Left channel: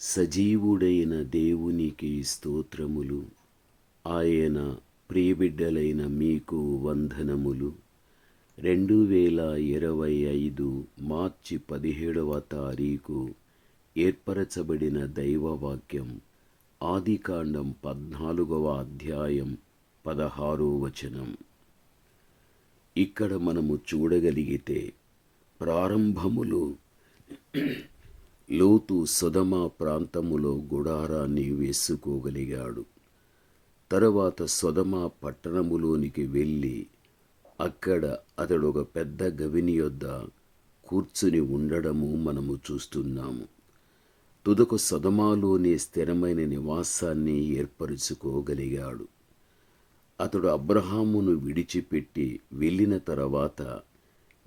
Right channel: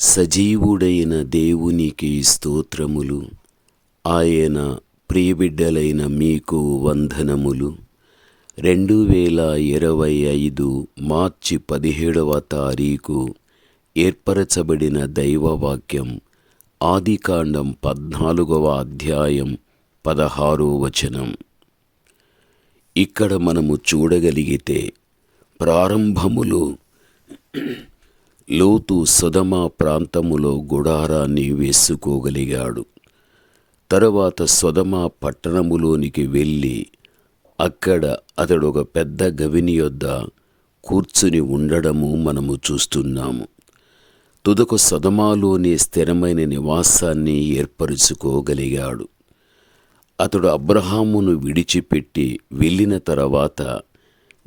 సజీవుడైన దేవునికి స్తోత్రములు. ఆయన ప్రియబిడ్డలైన మీకు వందనములు. రెండు వేల ఇరవై ఐదు మార్చి పదిహేడవ తారీఖు ఏర్పరచబడిన దైవవాక్యం ఆదికాండం పద్నాలుగవ అధ్యాయం పదహారో వచనం. ఇక్కడ మనము చూడగలిగితే ప్రారంభములు లోతు సుధమ ప్రాంతములో గుడారాన్ని వేసుకోగలిగాడు తరువాత సుధమ పట్టణములోనికి వెళ్ళి అక్కడ అతడు ఒక పెద్ద గవిని యొద్ద కూర్చుని ఉండడము మనము చూస్తున్నాము. తుదకు సదమాలోని స్థిరమైన నివాసాన్ని ఏర్పరుచుకోగలిగాడు. అతడు అబ్రహామును విడిచిపెట్టి వెళ్ళిన తర్వాత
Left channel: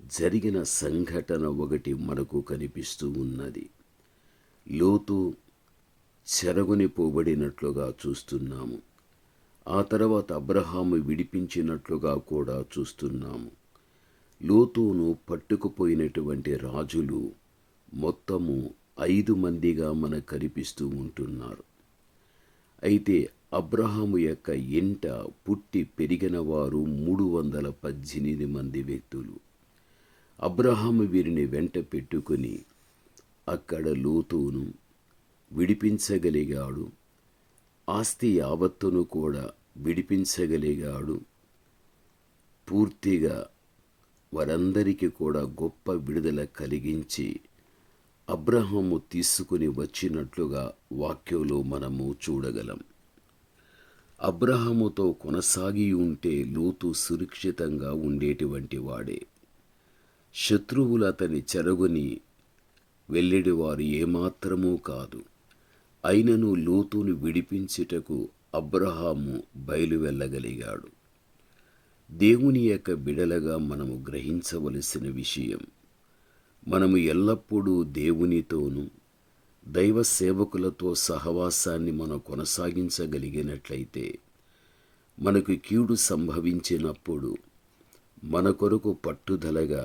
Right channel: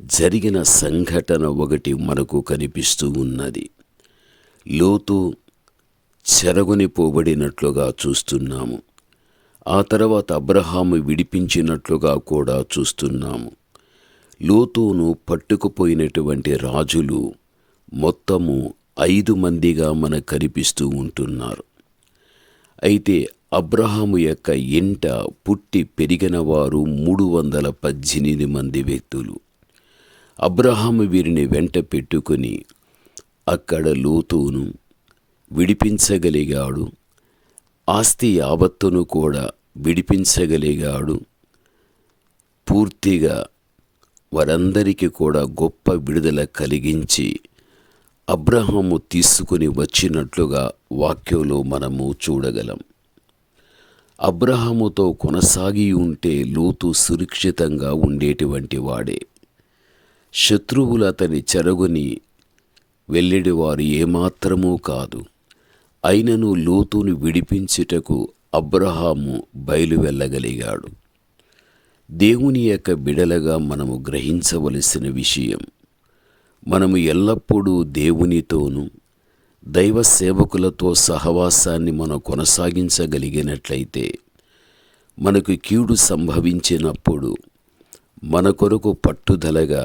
జరిగిన సంఘటన ఒకటి మనకు కనిపిస్తూ ఉన్నది. లోతు చెరగుని పోబడినట్లుగా చూస్తున్నాము. ఆ తర్వాత అబ్రహాము విడిపించినట్లుగా కూడా చూస్తున్నాము. లోతును పట్టుకుపోయినటువంటి రాజులు మొత్తము ఐదు మందిగా మనకు కనిపిస్తూ ఉంటున్నారు. అయితే అబ్రహాము యొక్క ఇంట పుట్టి పెరిగిన వారు మూడు వందల పద్దెనిమిది మంది వ్యక్తులు. అబ్రహాము వీరిని వెంట పెట్టుకుని అక్కడ లోతును విడిపించగలిగాడు. ఆస్తి యావత్తును కూడా విడిపించగలిగాడు. పూర్తిగా వారందరికీ కూడా గొప్ప విడుదల కలిగించి అబ్రహము తీసుకుని వచ్చినట్లుగా వాక్యంలో మనము చూడగలం. అబ్రహముతో కొనసాగి ఉంటే లోతు సురక్షితంగా ఉండేటువంటి వాడే. శత్రువులు అతని చెరగుని వెళ్ళిడివారు ఏమాత్రమూ కాదు. అయినను లోతును విడిపించుటకు అబ్రహాము బయలు వెళ్ళగలిగాడు దేవుని యొక్క బిడలగా మనము గ్రహించవలసిన విషయం మనము ఎల్లప్పుడూ దేవునితోనూ దైవ సేవకులతో సహవాసాన్ని మనం కొనసాగించగలిగినట్లయితే మనకు కీడు సంభవించినప్పుడు మన కొరకు పట్టుదలగా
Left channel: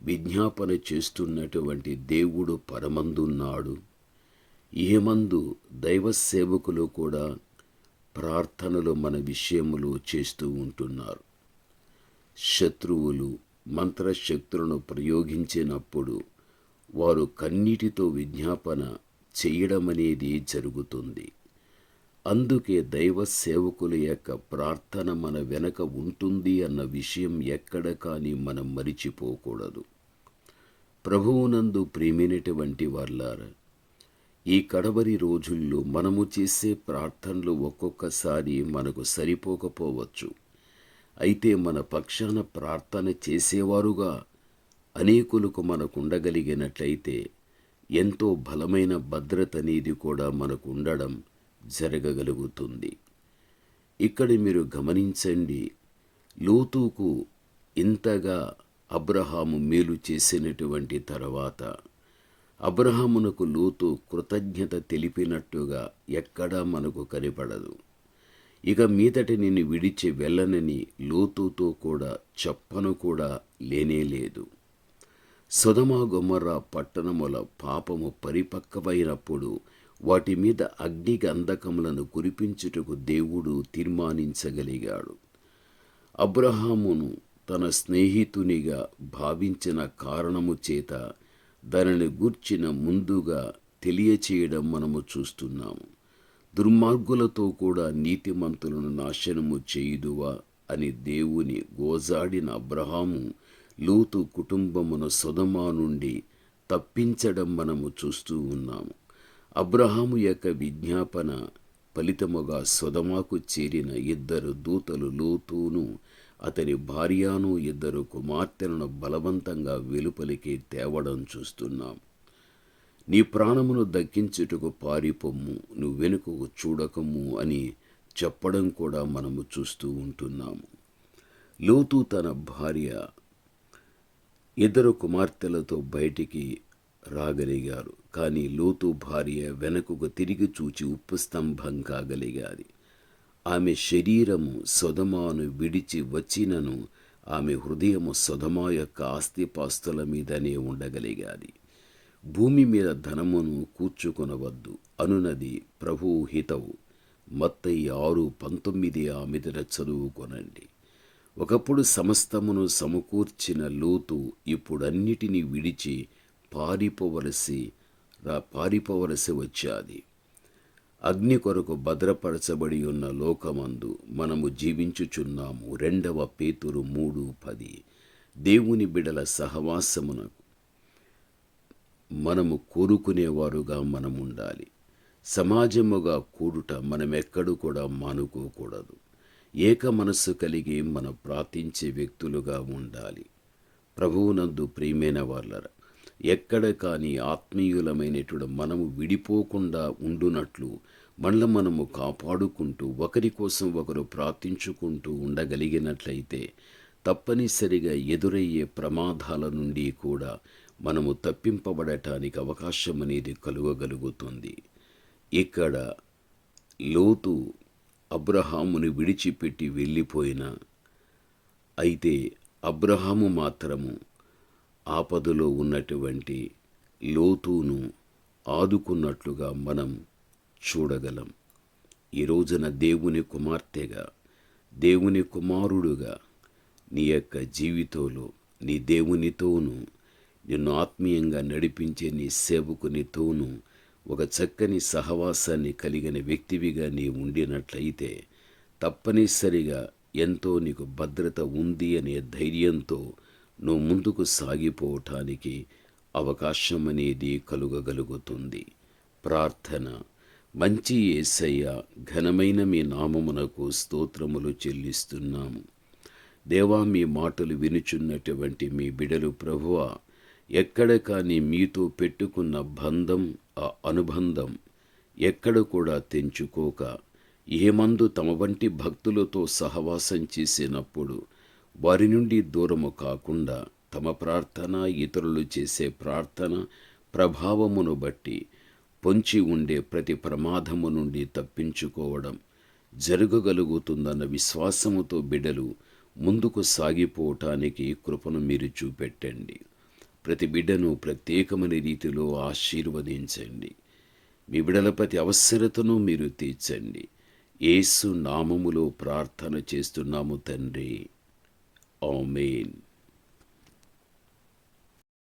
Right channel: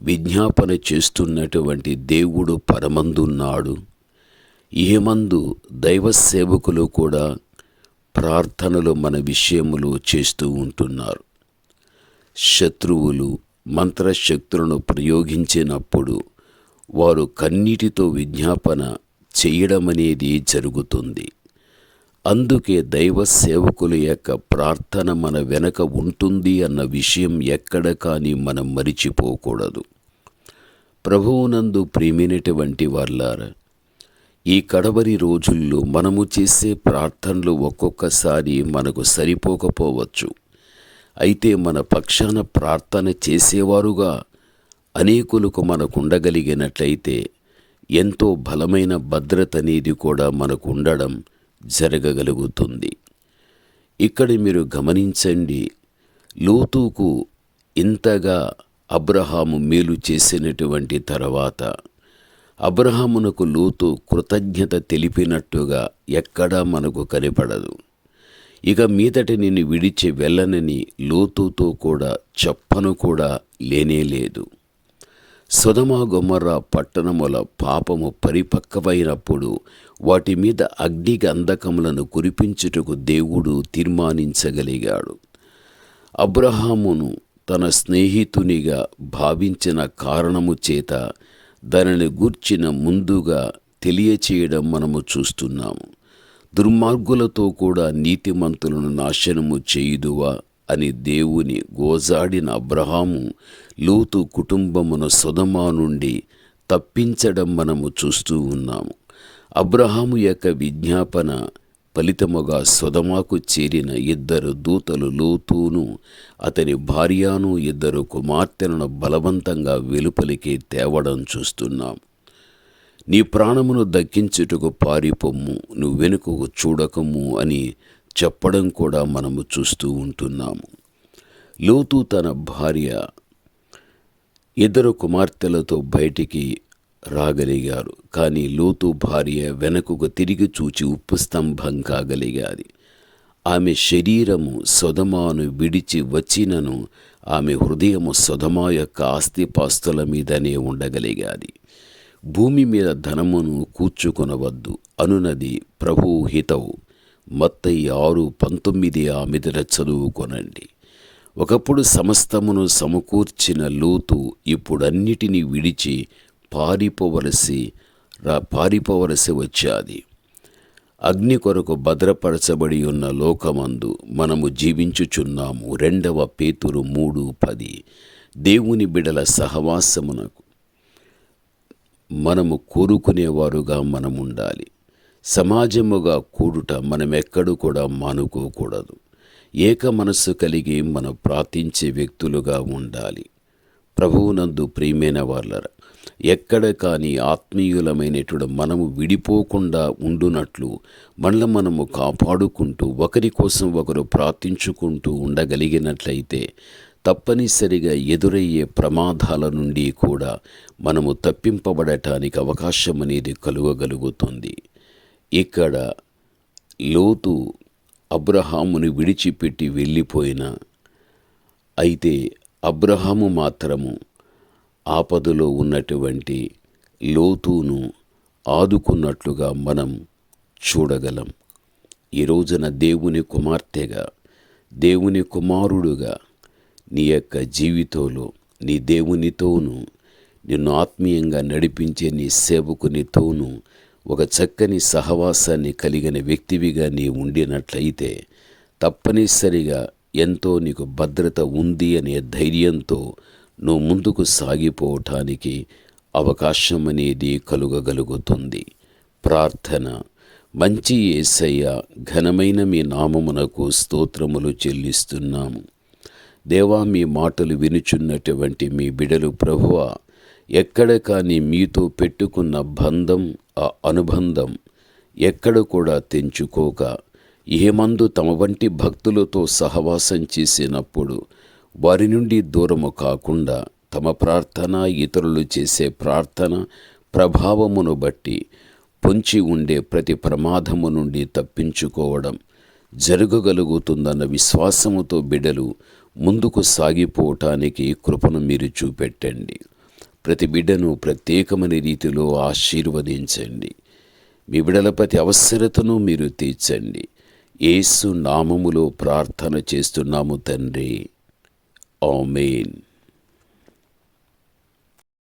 విజ్ఞాపన చేస్తున్నటువంటి దేవుడు పరమందున్నాడు. ఏమందు దైవ సేవకులు కూడా ప్రార్థనలు మన విషయములు చేస్తూ ఉంటున్నారు. శత్రువులు మంత్రశక్తులను ప్రయోగించినప్పుడు వారు కన్నీటితో విజ్ఞాపన చేయడమనేది జరుగుతుంది. అందుకే దైవ సేవకుల యొక్క ప్రార్థన మన వెనక ఉంటుంది అన్న విషయం ఎక్కడ కానీ మనం మరిచిపోకూడదు. ప్రభువునందు ప్రేమినటువంటి వాళ్ళారా ఈ కడవరి రోజుల్లో మనము చేసే ప్రార్థనలు ఒక్కొక్కసారి మనకు సరిపోకపోవచ్చు. అయితే మన పక్షాన ప్రార్థన చేసేవారుగా అనేకులకు మనకు ఉండగలిగినట్లయితే ఎంతో బలమైన భద్రత అనేది కూడా మనకు ఉండడం జరగగలుగుతుంది. ఇక్కడ మీరు గమనించండి లోతుకు ఇంతగా అబ్రహాము మేలు చేసినటువంటి తర్వాత అబ్రహామునకు లోతు కృతజ్ఞత తెలిపినట్టుగా ఎక్కడా మనకు కనపడదు. ఇక మీదటి నిన్ను విడిచి వెళ్ళనని లోతుతో కూడా చెప్పను కూడా లేనేలేదు సుధమా గొమర్ర పట్టణముల పాపము పరిపక్వమైనప్పుడు వాటి మీద అగ్ని గంధకములను కురిపించుటకు దేవుడు తీర్మానించగలిగాడు. అబ్రహామును తన స్నేహితునిగా భావించిన కారణము చేత దానిని గూర్చిన ముందుగా తెలియచేయడం మనము చూస్తున్నాము దుర్మార్గులతో కూడా నీతిమంతులను నాశనము చేయుదువా అని దేవుని గోజాడిన అబ్రహాము లోతు కుటుంబమును సుధమా నుండి తప్పించడం మనము చూస్తూ ఉన్నాము. అబ్రహాము యొక్క విజ్ఞాపన ఫలితముగా సుధమాకు చేరిన ఇద్దరు దూతలు లోతును అతని భార్యను ఇద్దరు కుమార్తెలను బలవంతంగా వెలుపలికి తేవడం చూస్తున్నాం. నీ ప్రాణమును దక్కించుటకు పారిపొమ్ము నువ్వు వెనుకకు చూడకము అని చెప్పడం కూడా మనము చూస్తూ ఉంటున్నాము. లోతు తన భార్య ఇద్దరు కుమార్తెలతో బయటికి రాగలిగారు. కానీ లోతు భార్య వెనకకు తిరిగి చూచి ఉప్పు స్తంభం కాగలిగాది. ఆమె శరీరము సొదమాను విడిచి వచ్చినను ఆమె హృదయము సొదమా యొక్క ఆస్తిపాస్తుల మీదనే ఉండగలిగాది. భూమి మీద ధనమును కూర్చుకొనవద్దు. అనునది ప్రభువు హితవు. మత్తయి ఆరు పంతొమ్మిది ఆ మీదట చదువుకొనండి. ఒకప్పుడు సమస్తమును సమకూర్చిన లోతు ఇప్పుడన్నిటినీ విడిచి పారిపోవలసి రా పారిపోవలసి వచ్చాది. అగ్ని కొరకు భద్రపరచబడి ఉన్న లోకమందు మనము జీవించుచున్నాము. రెండవ పేతురు మూడు పది. దేవుని బిడల సహవాసమునకు మనము కోరుకునేవారుగా మనం ఉండాలి సమాజముగా కూడుట మనమెక్కడు కూడా మానుకోకూడదు. ఏక మనస్సు కలిగి మనం ప్రార్థించే వ్యక్తులుగా ఉండాలి. ప్రభువునందు ప్రియమైన వాళ్ళరా ఎక్కడ కానీ ఆత్మీయులమైనటువంటి మనము విడిపోకుండా ఉండునట్లు మనల్ని మనము కాపాడుకుంటూ ఒకరి కోసం ఒకరు ప్రార్థించుకుంటూ ఉండగలిగినట్లయితే తప్పనిసరిగా ఎదురయ్యే ప్రమాదాల నుండి కూడా మనము తప్పింపబడటానికి అవకాశం అనేది కలుగగలుగుతుంది. ఇక్కడ లోతు అబ్రహాముని విడిచిపెట్టి వెళ్ళిపోయిన అయితే అబ్రహాము మాత్రము ఆపదలో ఉన్నటువంటి లోతును ఆదుకున్నట్లుగా మనం చూడగలం. ఈ రోజున దేవుని కుమార్తెగా దేవుని కుమారుడుగా నీ యొక్క జీవితంలో నీ దేవునితోనూ నిన్ను ఆత్మీయంగా నడిపించే నీ సేవకునితోనూ ఒక చక్కని సహవాసాన్ని కలిగిన వ్యక్తివిగా నీ ఉండినట్లయితే తప్పనిసరిగా ఎంతో నీకు భద్రత ఉంది అనే ధైర్యంతో నువ్వు ముందుకు సాగిపోవటానికి అవకాశం అనేది కలుగగలుగుతుంది. ప్రార్థన. మంచి ఏసయ్య ఘనమైన మీ నామమునకు స్తోత్రములు చెల్లిస్తున్నాము దేవా మీ మాటలు వినుచున్నటువంటి మీ బిడలు ప్రభువ ఎక్కడ కానీ మీతో పెట్టుకున్న బంధం ఆ అనుబంధం ఎక్కడ కూడా తెంచుకోక ఏమందు తమ వంటి భక్తులతో సహవాసం చేసినప్పుడు వారి నుండి దూరము కాకుండా తమ ప్రార్థన ఇతరులు చేసే ప్రార్థన ప్రభావమును బట్టి పొంచి ఉండే ప్రతి ప్రమాదము నుండి తప్పించుకోవడం జరగగలుగుతుందన్న విశ్వాసముతో బిడ్డలు ముందుకు సాగిపోవటానికి కృపను మీరు చూపెట్టండి. ప్రతి బిడ్డను ప్రత్యేకమైన రీతిలో ఆశీర్వదించండి. మీ బిడల ప్రతి అవసరతను మీరు తీర్చండి. ఏసు నామములో ప్రార్థన చేస్తున్నాము తండ్రి. Amen.